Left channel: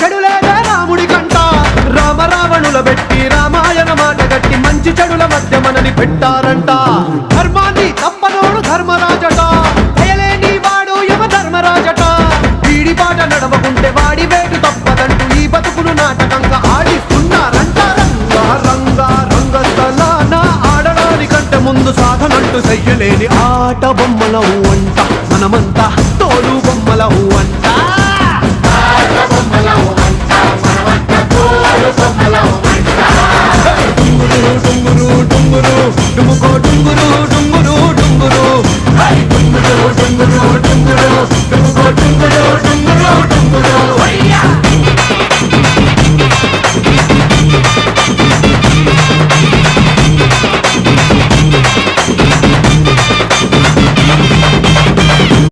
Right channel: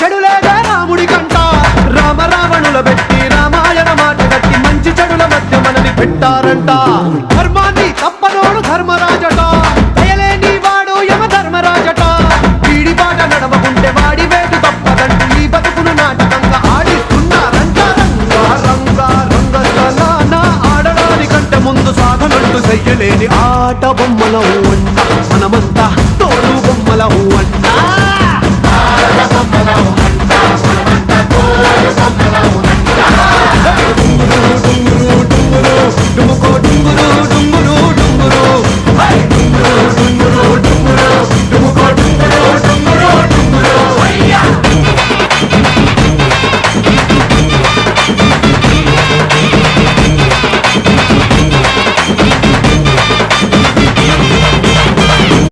చెడు లేదే రాముడి కంట. రామ రావణుల పెట్టి రామాయణ మాట గట్టి మంచి చెడుల మధ్య మనని పెట్టారంట. ధర్మాన్ని తప్పనోడు ధర్మరాజట, దయలేని వాడు యమ ధర్మరాజట. వీడి బాట నడవకుంటే వాడి వేటు తప్పదంటూ ఈ బతుకును నాటకంగా ఆడిస్తున్నారంట. రంగా రంగా రంగస్థలాన ఆడడానికంటే ముందు సాధనంటూ చెయ్యలేని ఆట బొమ్మలం అంట. మన